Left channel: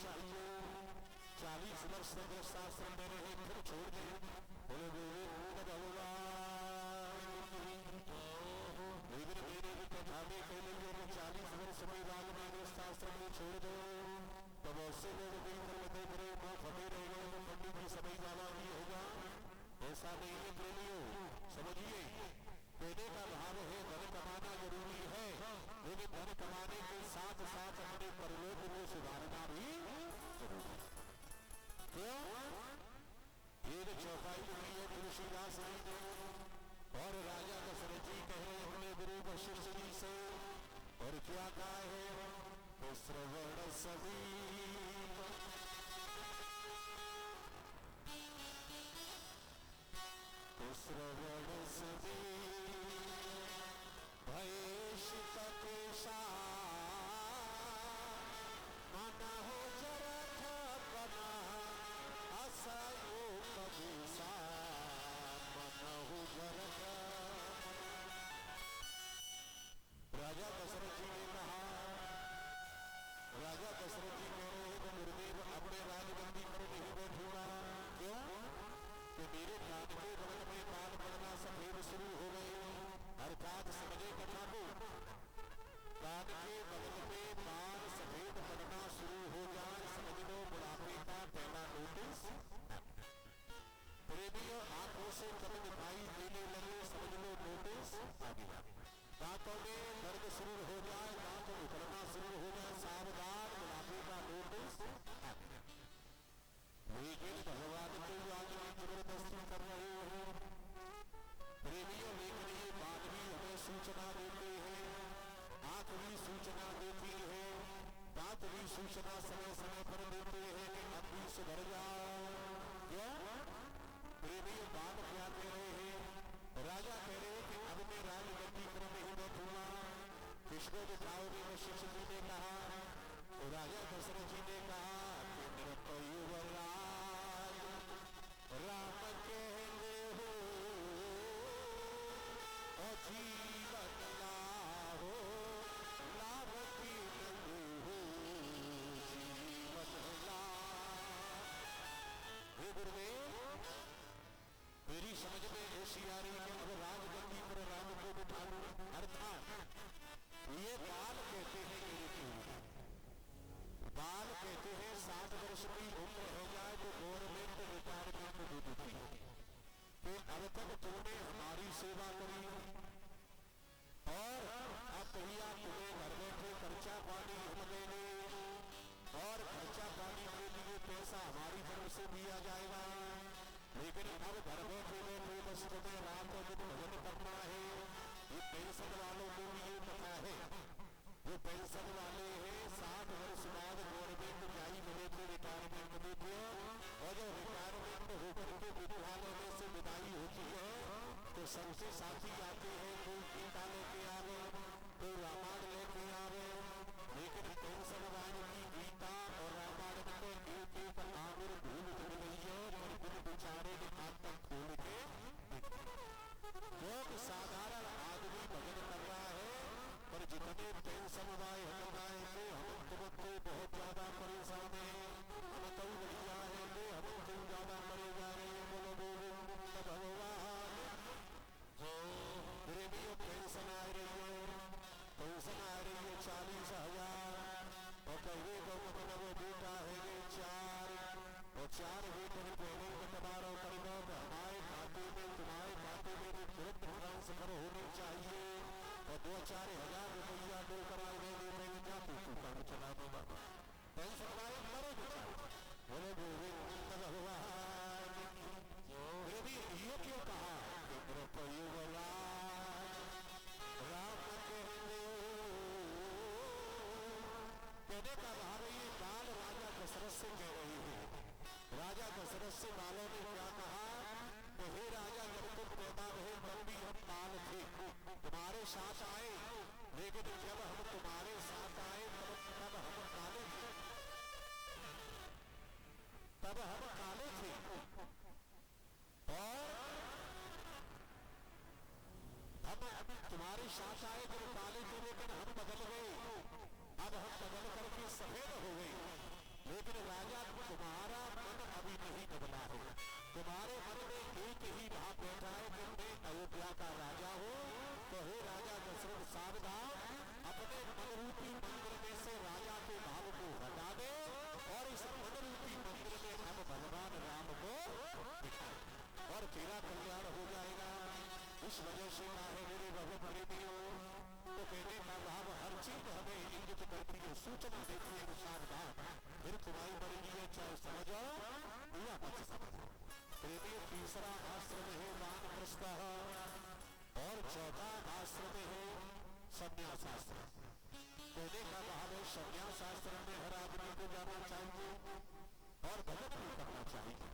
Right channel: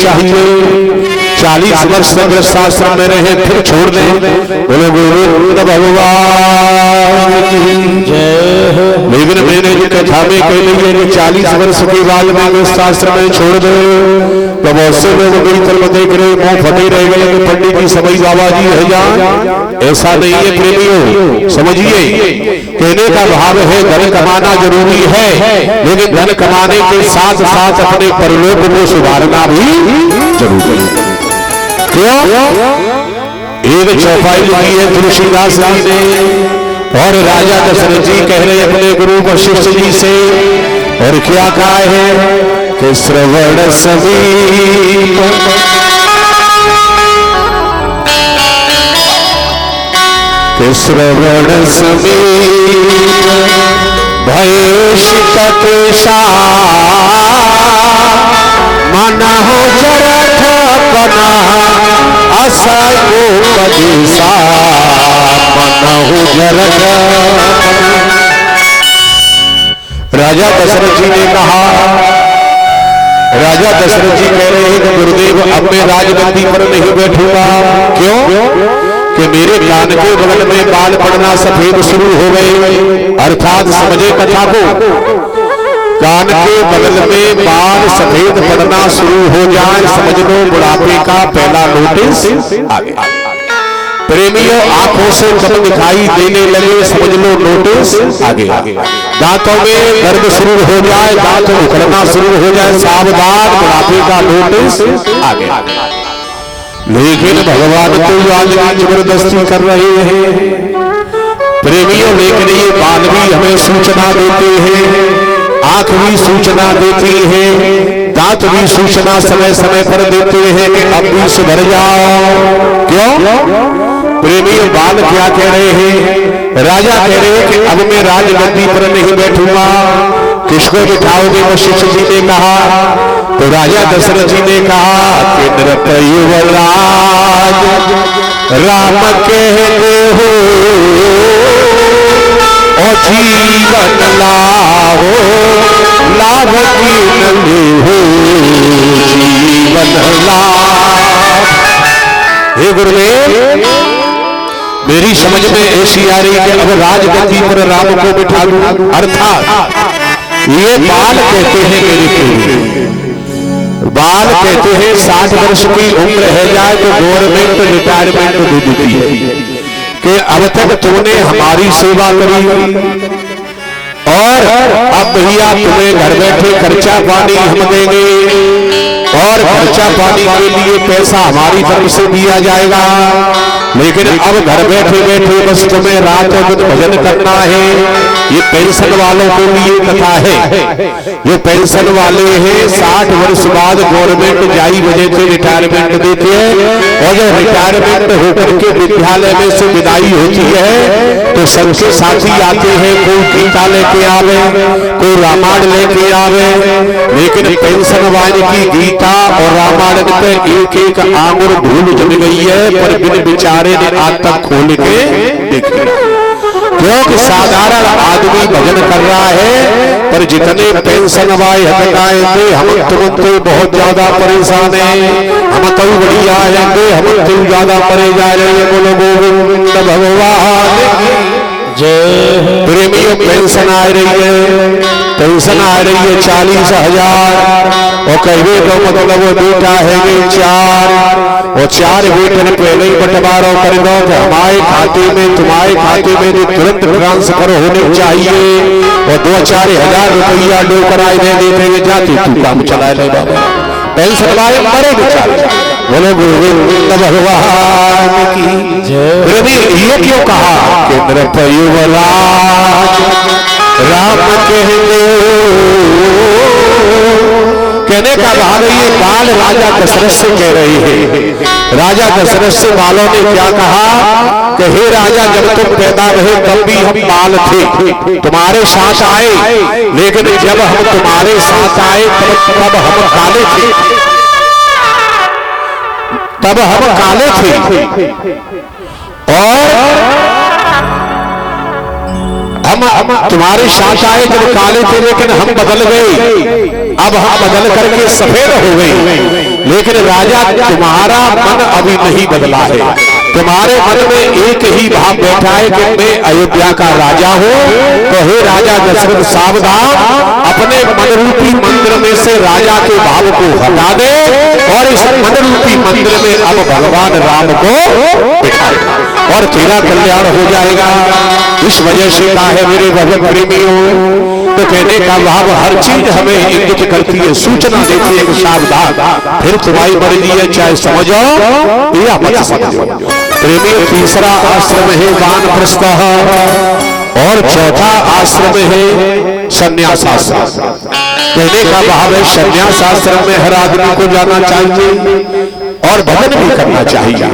चाहिए। 40 वर्ष तक गृहस्थाश्रम में रहे फिर छोड़ दें। बोलो गोविंद भगवान की जय। लेकिन मैंने जो कथा में कह ली है कि 40 वर्ष के बाद में गृहस्थाश्रम में छोड़ दे, तो बहुत से लोग मेरी तरफ देख रहे मुंह फटे रह गए कि पंडित जी सभी बाबा जी है जान। ऐसा नहीं है प्रेमियों, समझिए। कहने का भाव है धन कमाना जरूरी है, लेकिन धन कमाने के साथ साथ अपने परलोक को सुधारना भी जरूरी है। क्यों? एक चौपाई लिखी है तुलसीदास जी ने, और राजा दशरथ जी कह रहे अपने गुरु वशिष्ठ जी से, और क्या कहा है कि श्रवण समीप श्रवण समीप भयेशित मन हो जरठ बना असयोपदेशा मन हो जरठ। राजा दशरथ जी ने कहा, राजा दशरथ जी कह रहे हैं कि गुरुदेव अब मैं राजगद्दी पर नहीं बैठूंगा। क्यों? कि मेरे कान के बगल में बाल पड़ना सफेद शुरू हो गए। अर्थात समझे कथा को, कान के बगल में बाल सफेद पड़ना शुरू हो जाए, समझ लो बुढ़ापे का पहला नोटिस आ गया। प्रेमियों आंखों से कम दिखाई देने लगे, समझ लो नोटिस आ गया। दांतों में दर्द शुरू हो जाए, दांत उखड़ना शुरू हो जाए, सावधान बुढ़ापे का नोटिस आ गया। लेकिन भगवान तो आज जबरदस्ती कर रहे हैं प्रेमियों। लेकिन ये बाल भी हमें सूचना देते हैं, आंख भी सूचना देती है, दांत भी सूचना समय समय पर देते हैं कि अब भी सुधर जाओ। क्यों? प्रेमियों बाल क्या कह रहे हैं? राजा कह रहे हैं कि अब मैं राजगद्दी पर नहीं बैठूंगा। किसको बिठाओगे? वशिष्ठ जी ने कहा। तो राजा दशरथ जी ने कहा कि नृप युवराज राम कहते हो और जीवन लाओ, लाभ की नली हो जीवन लाभ। हे गुरुदेव, मेरी समझ में ऐसी आ रही है अब राजगद्दी पर राम को बिठा दूं। अर्थात ये बाल कहते हैं मेरी पीढ़ी, बाल कहते हैं 60 वर्ष की उम्र है जाए तो गवर्नमेंट रिटायरमेंट दे देती है कि अब तक तुमने हमारी सेवा करी और अब भैया तुम्हें घर बैठे खर्चा पानी हम देंगे, और खर्चा पानी के लिए पैसा हमारी तरफ से दिया जाएगा। लेकिन अब घर बैठे बैठे बस तुम्हें रात और दिन भजन करना है। ये पेंशन वालों के लिए कथा है। जो पेंशन वाले हैं 60 वर्ष बाद गवर्नमेंट जाई वजह से रिटायरमेंट देती है, और जो रिटायरमेंट होकर के विद्यालय में से विदाई होती है तो सबके साथी आते हैं, कोई गीता लेके आवे, कोई रामायण लेके आवे। लेकिन पेंशन वाले की गीता और रामायण पे एक एक आंगुर धूल जम गई है, पर बिन बिचारे ने आज तक खोल के देख लिया। क्योंकि साधारण आदमी भजन कर रहा है, पर जितने पेंशन वाले हटकाए थे हम तुम तो बहुत ज्यादा परेशान है, हम तो बढ़िया आएंगे, हम तो ज्यादा परे जा रहे हैं। बोलो गोविंद भगवान जय। प्रेमियों पेंशन आ रही है, पेंशन आ रही है 40,000, और कहे तो मतलब वो बेटा है 4, और 4 बेटे ने पहले ही बंटवारा कर दो कि हमारे खाते में तुम्हारे खाते में जो तुरंत ट्रांसफर होने चाहिए, और 2-4 हजार रुपया डो कराए दे देते जाती तू काम चला ले बाबा। पेंशन वाले मरे बेचारे। बोलो गोविंद भगवान की जय। ये क्यों कहा कि नृप युवराज राम कहते कहने का भाव ये बाल राजा दशरथ से कह रहे हैं। राजा दशरथ से बालों ने क्या कहा कि हे राजा, जब तुम पैदा रहे तब भी हम बाल थे, तुम्हारे साथ आए, लेकिन जब हम तुम्हारे साथ आए तब हम काले थे, तब हम काले थे, और हम तुम्हारे साथ आए जब काले थे, लेकिन हम बदल गए, अब हम बदल करके सफेद हो गए। लेकिन राजा तुम्हारा मन अभी नहीं बदला है। तुम्हारे मन में एक ही भाव बैठा है कि मैं अयोध्या का राजा हूँ। तो हे राजा दशरथ सावधान, अपने मन रूपी मंदिर में से राजा के भाव को हटा दे और इस मन रूपी मंदिर में अब भगवान राम को बिठा दे और तेरा कल्याण हो जाएगा। इस वजह से कहा है मेरे भगत प्रेमियों, तो कहने का भाव हर चीज हमें इंगित करती है, सूचना देती है कि सावधान, फिर तुम्हारी मर्जी है, चाहे समझो या मत समझो। प्रेमियों, तीसरा आश्रम है वानप्रस्थ और चौथा आश्रम है संन्यास आश्रम। कहने का भाव है संन्यास आश्रम में हर आदमी को जाना चाहिए और भजन भी करना चाहिए।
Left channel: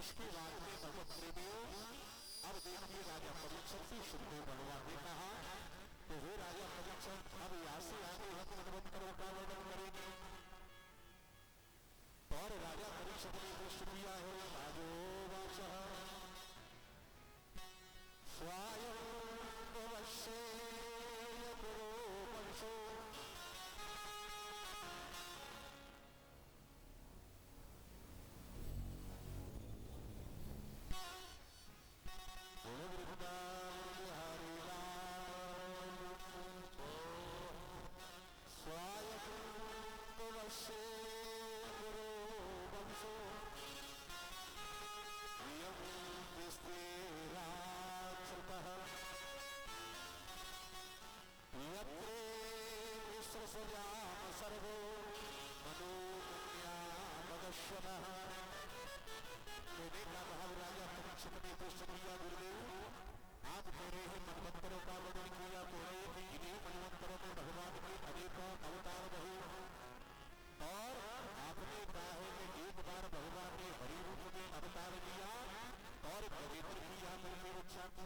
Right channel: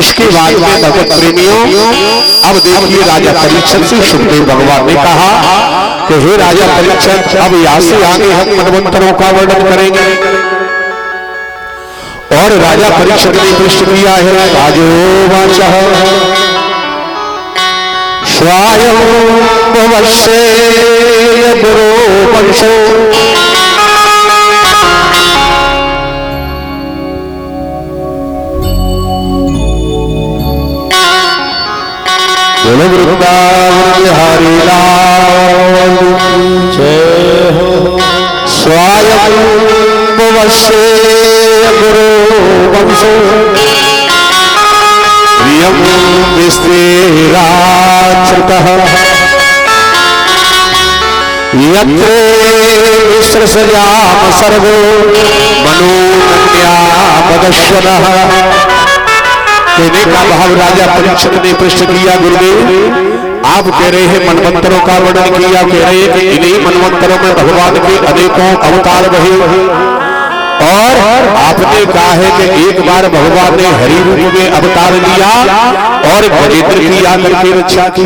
इसके बाद में भगत प्रेमियों, अब देखिए राजा परीक्षित से सुखदेव भगवान ने कहा कि हे राजा परीक्षित, अब यहाँ से आगे हम मनवंतरों का वर्णन करेंगे। और राजा परीक्षित ने प्रश्न किया है, राजो वाचः स्वयं भवस्य गुरो वंशो बोलो वृंदावन बिहारी लाल जय हो। स्वयं भवस्य गुरो वंशो प्रियं विस्तीर्णाच्युतः यत्र विसृजाम सर्वो मनोन्यापदश्वनः। कहने का भाव राजा परीक्षित ने प्रश्न किया, गुरुदेव आप कह रहे हैं मनवंतरों का वर्णन किया, कह रहे हैं कि इन्हीं मनवंतरों में भगवान के अनेकों अवतार रहे और आपने कहा है कि एक बार भगवान ने हरि रूप में अवतार लिया और गजेंद्र की आकर के रक्षा की।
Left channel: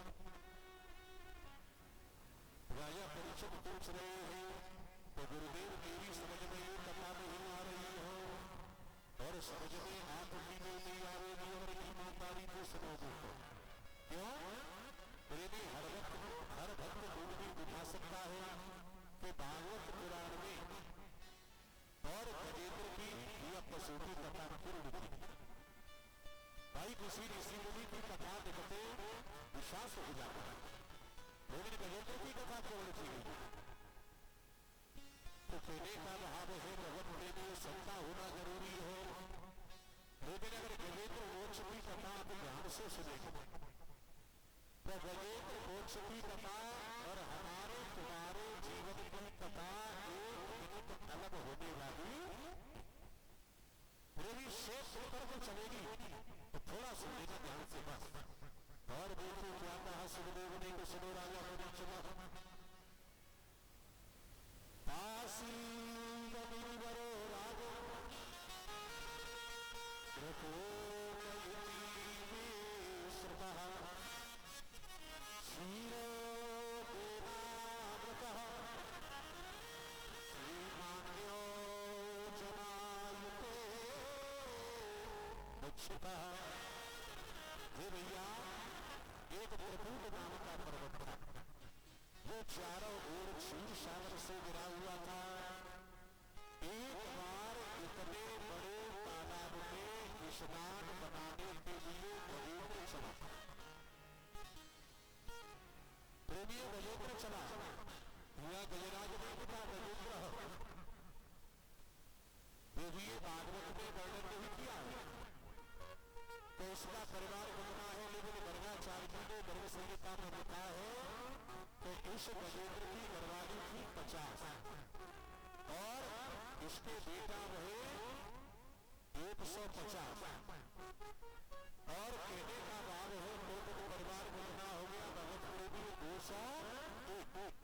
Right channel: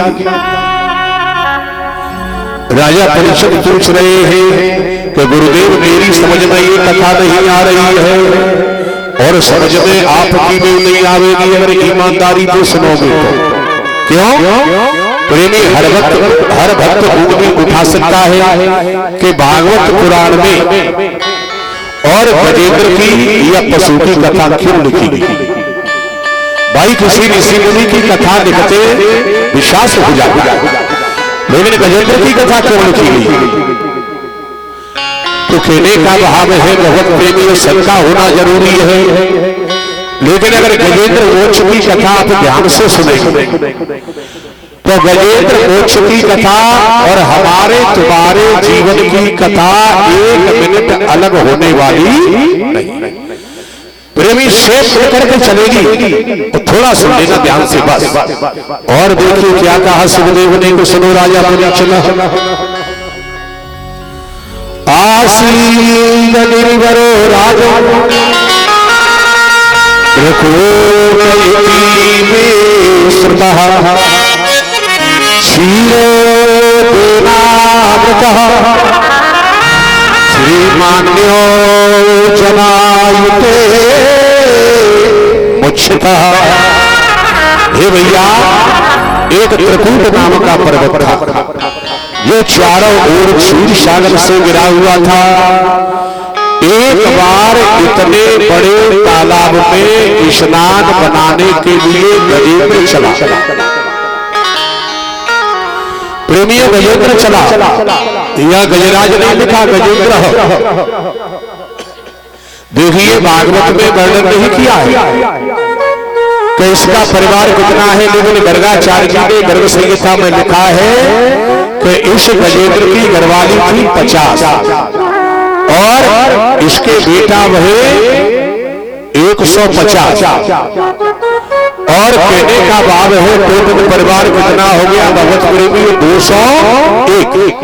राजा परीक्षित पूछ रहे हैं कि गुरुदेव मेरी समझ में ये कथा नहीं आ रही है और समझ में आपकी भी नहीं आवेगी अगर ईमानदारी से सुनोगे तो। क्यों? प्रेमी हर भक्त ऊँगली उठा सकता है कि भागवत पुराण में और गजेंद्र की या पशु की कथा क्यों लिखी गई। भाई किसी ऋषि मुनि की कथा लिखते विश्वास हो जाता, लेकिन गजेंद्र की कथा क्यों लिखी गई? तो कहने का भाव है भगवत प्रेमी शंका होना जरूरी है, लेकिन अगर गजेंद्र मोक्ष की कथा आप ध्यान से सुनेंगे तो गजेंद्र मोक्ष की कथा और हमारे तुम्हारे जीवन की कथा एक मिनट अलग होने वाली नहीं। प्रेमी शेष करके चलेगी तो थोड़ा सुन लेना ध्यान से बस। और देखिए क्या कहा सुखदेव ने, को सुनो राजा परीक्षित। आसीन निर्वरो राजो रघुपति में श्रुतः क्षीरोदेनामृतः श्रीमान्यो जनायुते मुच्छितः। हे भैया, एक त्रिकूट नाम का पर्वत था, ये चारों ओर क्षीर सागर से गिरा हुआ था। एक बार इतने बड़े तालाब में स्नान बनाने के लिए गजेंद्र चला। प्रेमियों, गजेंद्र चला, यह गजराज ने लिखा गजेंद्र। देखिए भागवत में वर्णन नहीं किया है कि इसका परिवार कितना है, लेकिन गर्गाचार्य जी ने गर्ग संहिता में लिखा है कि इस गजेंद्र की घरवाली थी 50 और इसके बेटा वहे 150 और कहने का भाव है टोटल परिवार कितना हो गया भगवत प्रेमी 201।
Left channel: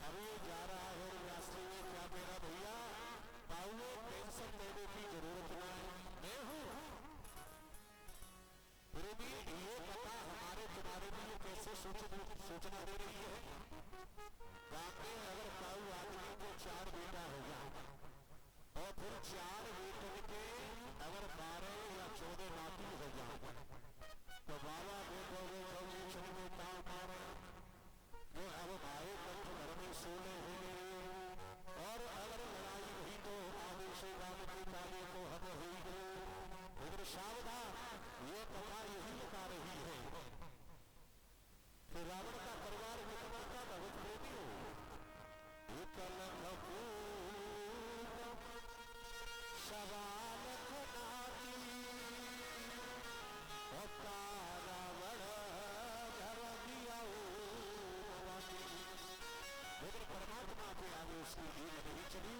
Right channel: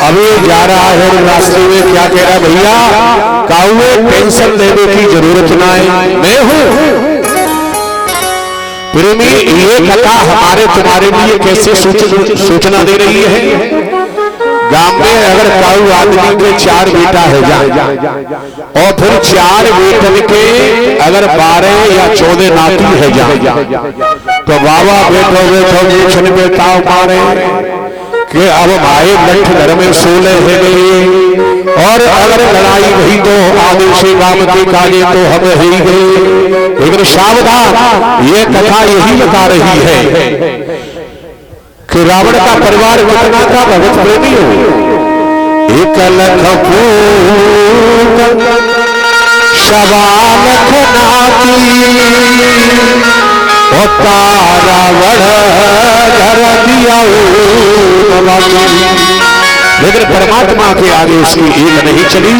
अभी जा रहा है रास्ते में, क्या कह रहा है भैया, काउए टेंशन लेने की जरूरत ना है, मैं हूं। प्रेमी, ये कथा हमारे तुम्हारे लिए कैसे सूचना दे रही है। गांव में अगर काऊ आदमी के 4 बेटा है जाए और फिर 4 बेटन के अगर 12 या 14 नाती है जाए तो बाबा बैठो छन बेटाओ मारे कि अब भाई लठ घर में सोले है गई और अगर लड़ाई हुई तो आगे से काम के काजे तो हम ही गए। लेकिन सावधान, ये कथा यही बता रही है कि रावण का परिवार कितना था भगत प्रेमी हो। एक लख शवालख नाती रावण धर दिया। लेकिन परमात्मा के आगे उसकी एक नहीं चली।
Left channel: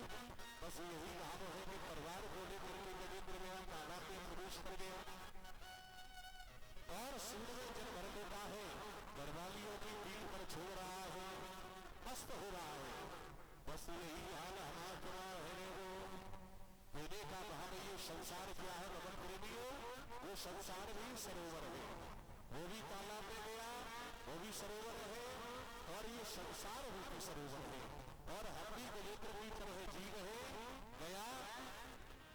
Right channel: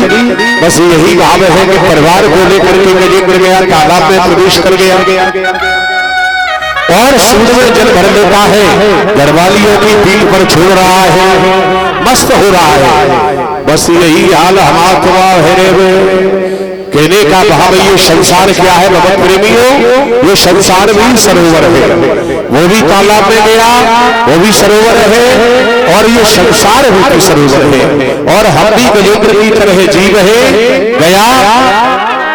बस यही भाव है कि परिवार को लेकर के गजेंद्र गया, तालाब में प्रवेश कर गया और सूर्य में जल भर लेता है, घरवालियों की पीठ पर छोड़ रहा है, मस्त हो रहा है। बस यही हाल हमारा है। कहने का भाव ये संसार क्या है भगत प्रेमियों, ये संसार भी सरोवर है। वो भी तालाब में गया, वो भी सरोवर है और ये संसार भी सरोवर है। और हम भी गजेंद्र की तरह जीव है गया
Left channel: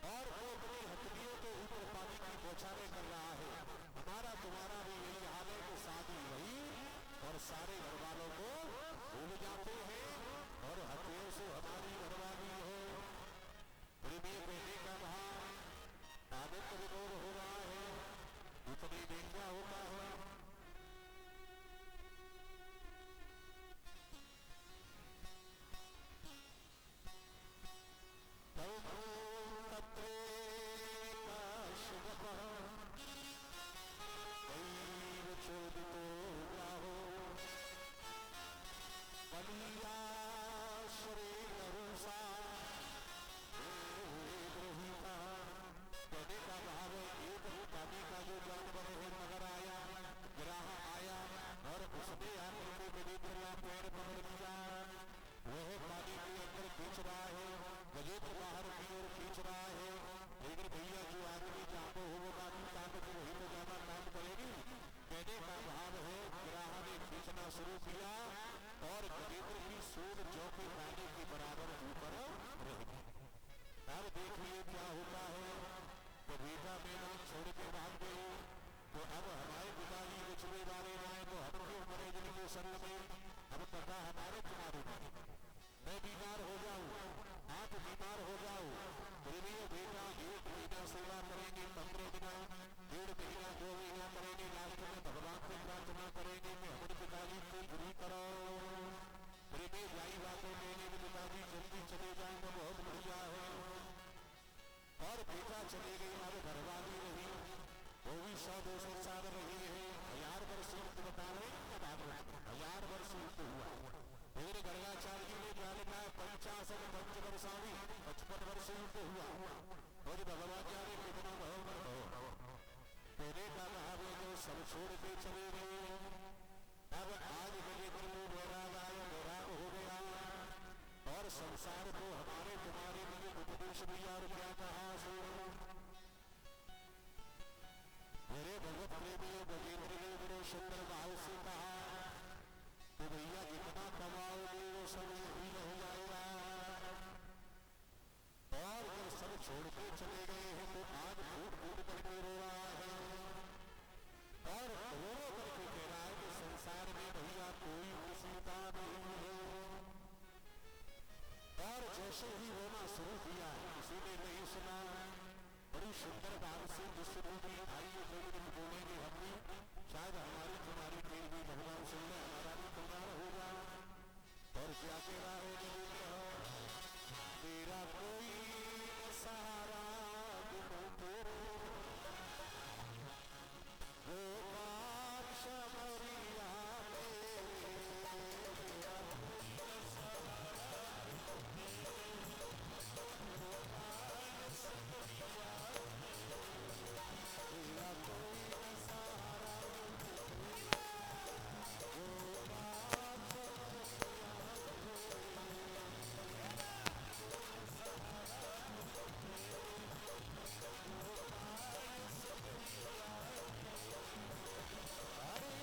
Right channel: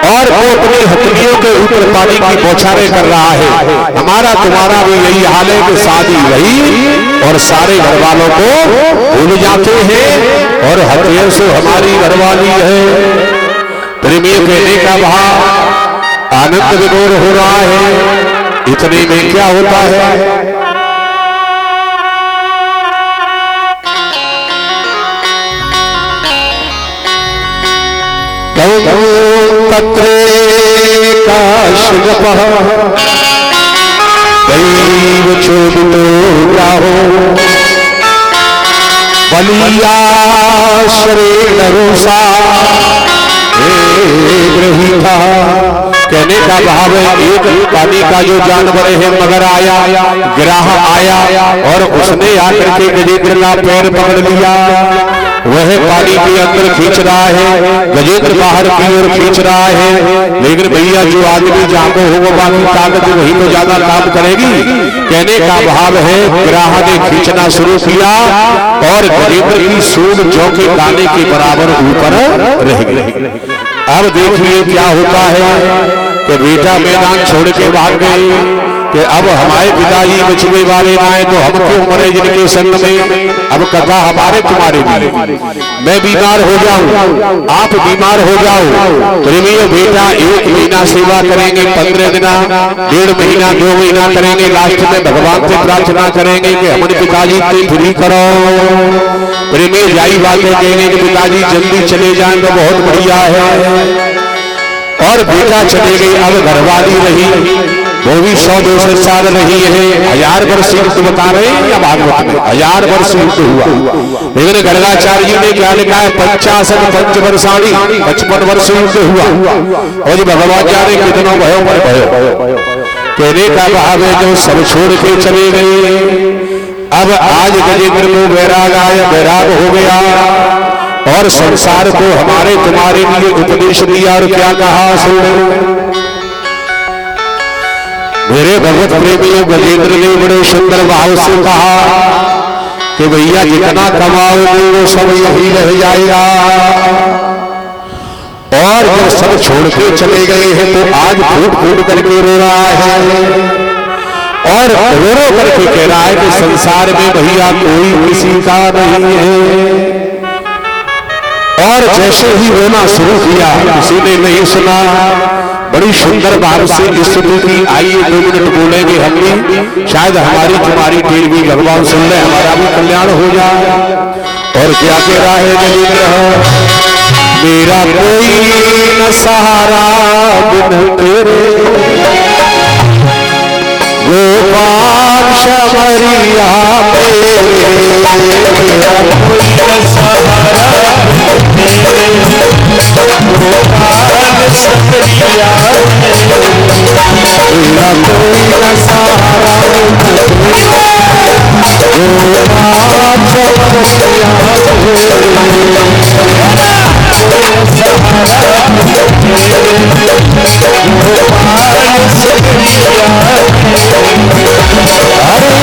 और वो अपनी हथेलियों के ऊपर पानी की बौछारें कर रहा है। हमारा तुम्हारा भी यही हाल है कि शादी वही और सारे घर वालों को भूल जाते हैं और हथियार से हमारी घरवाली है। प्रेमियों कहने का भाव आनंद विनोद हो रहा है। इतने में क्या होता है, तत्रे काशगपः दैव चोदितो राहो बलियाश्रेण रोषा ग्रहीता। कहने का भाव है एक पानी का जो जानवर है मगर आया, ग्राह आया और उसने आकर के गजेंद्र का पैर पकड़ लिया। वह पानी के अंदर खींच रहा है, गजेंद्र बाहर की ओर खींच रहा है। लेकिन भैया जो आदमी जागो हो वो बाकी ताकत वही तो ज्यादा काम करेगी। कहने का भाव है ग्राह ने खींचना शुरू किया और गजेंद्र की सूंड जौ के दाने के बराबर ऊपर रह गई। अब देखिए क्या होता है कि बेटा मैदान छोड़ के भाग गए कि अब हमारे पिताजी बचने वाले आए तो हम क्यों मरे जिनके संग में। अब कथा हमारे तुम्हारे भी, मैं बीमार हो जाऊं, आप बीमार हो जाओ, प्रेमियों बेटा 1 महीना सेवा करेंगे, 15 दिन, 1.5 महीना, 2 महीना करेंगे, लास्ट में भगवान से प्रार्थना करेंगे कि हमारे पिताजी को फ्री करो। प्रेमी यही बातें कहेंगे कि पिताजी जल्दी चले जाएं तो बहुत बढ़िया है। और बेटा चले गई, अब घरवाली रही, वो भी 100-200 साल रही है। 1000 वर्ष युद्ध बता रहे हैं या भागवत में 1000 वर्ष युद्ध हुआ। लेकिन गर्गाचार्य जी ने क्या लिखा है 55 पंचवर्षाणी 55 वर्ष युद्ध हुआ। और जो भगवान जाने कितनों भयो पर भयो। कहने का भाव है जो सब छोड़ के चले गए। अब आज गजेंद्र को वैराग आया, वैराग हो गया और संसार को हमारे तुम्हारे लिए उपदेश दिया और क्या कहा सुन। मेरे भगवत प्रेमियों गजेंद्र ने बड़े सुंदर भाव से कहा कि भैया जितना कमाओगे वो सब यही रह जाएगा। और जब सब छोड़ के चले गए हैं तो आज फूट फूट करके रो रहा है और रो रो करके कह रहा है कि संसार में भैया कोई किसी का नहीं है। और जैसे ही रोना शुरू किया किसी ने नहीं सुना। बड़ी सुंदर भाव से स्तुति की। आइए 2 मिनट बोलेंगे हम भी, शायद हमारी तुम्हारी टीम भी भगवान सुन ले, हमारा भी कल्याण हो जाए। और क्या कह रहा है गजेंद्र, मेरा कोई न सहारा बिन तेरे गोपाल शबरिया मेरा कोई न सहारा गोपाल शबरिया मेरा कोई न सहारा गोपाल शबरिया हरे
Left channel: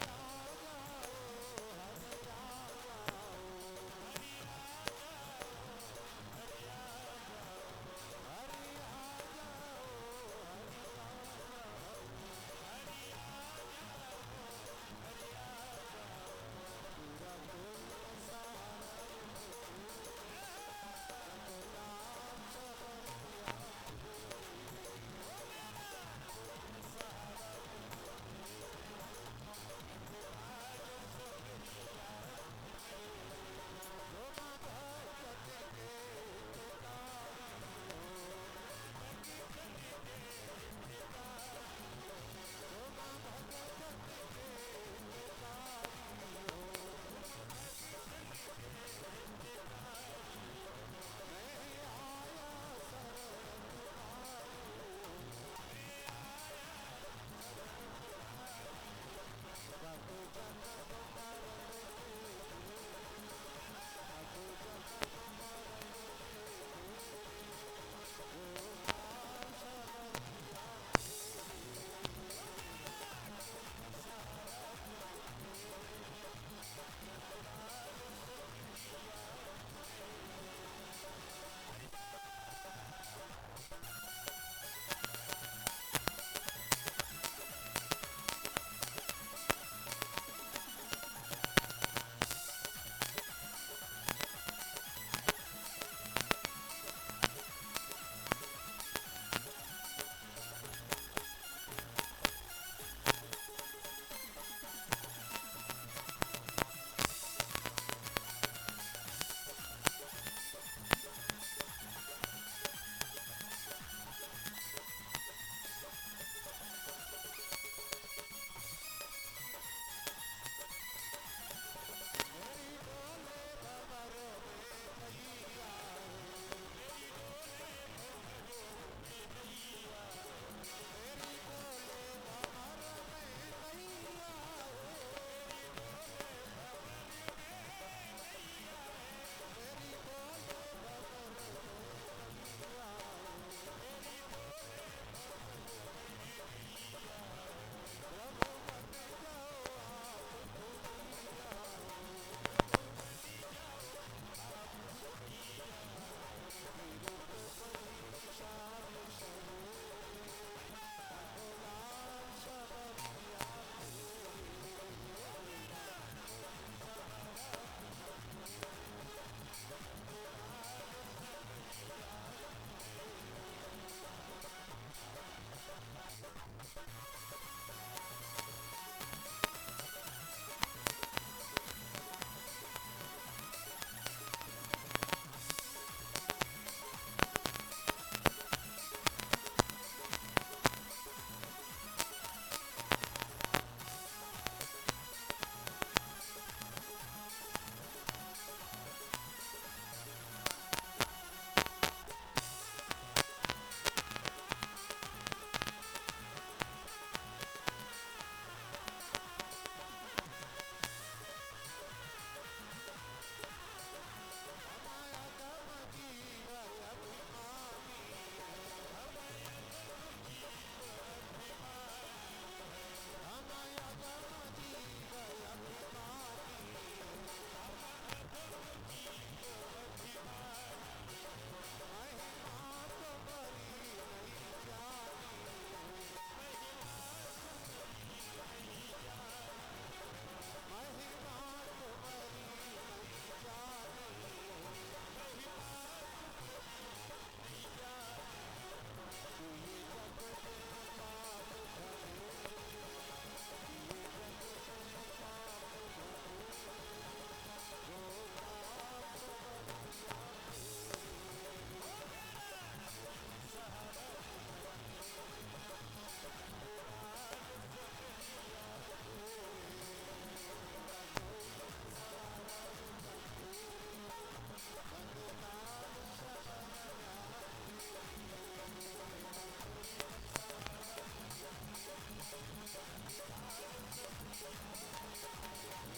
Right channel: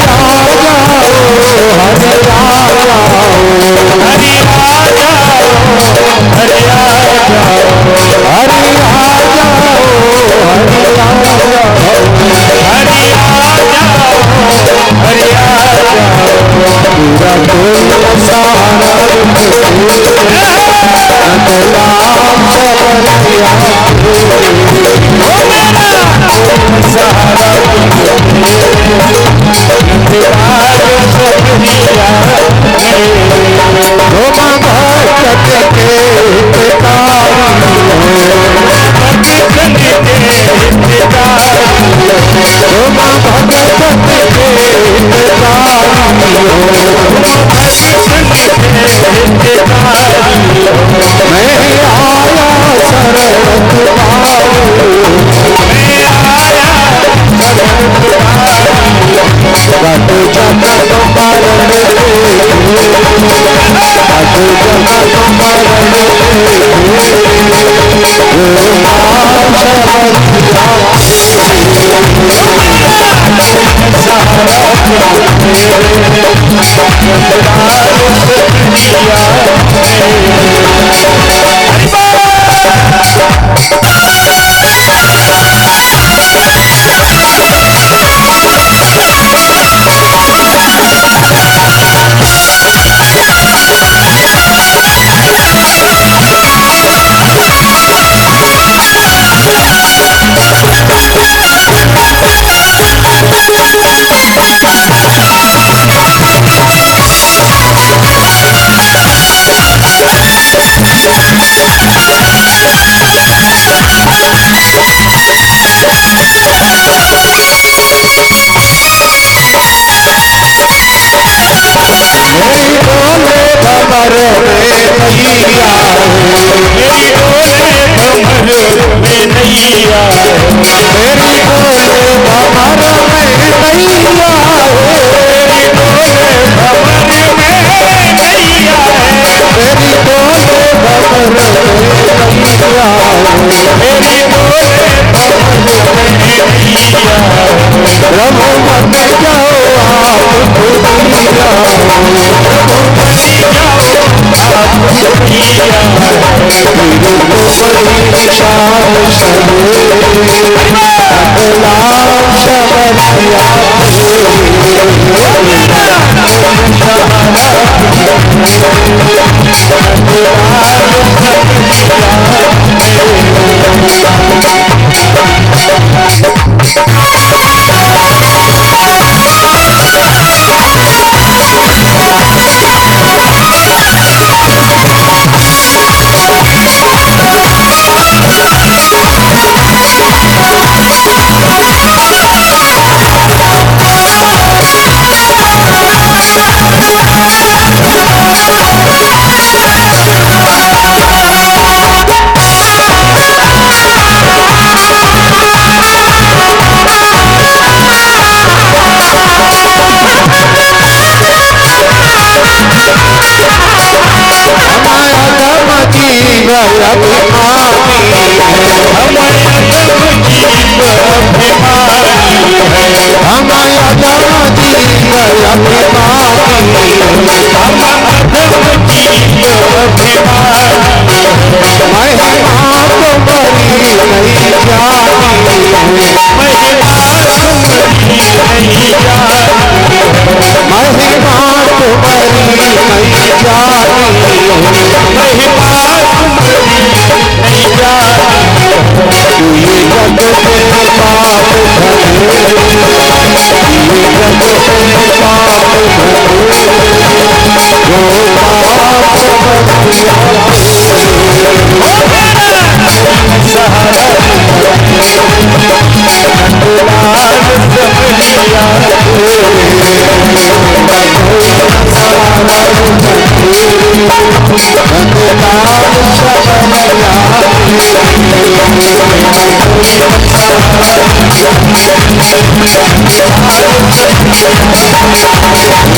Thank you.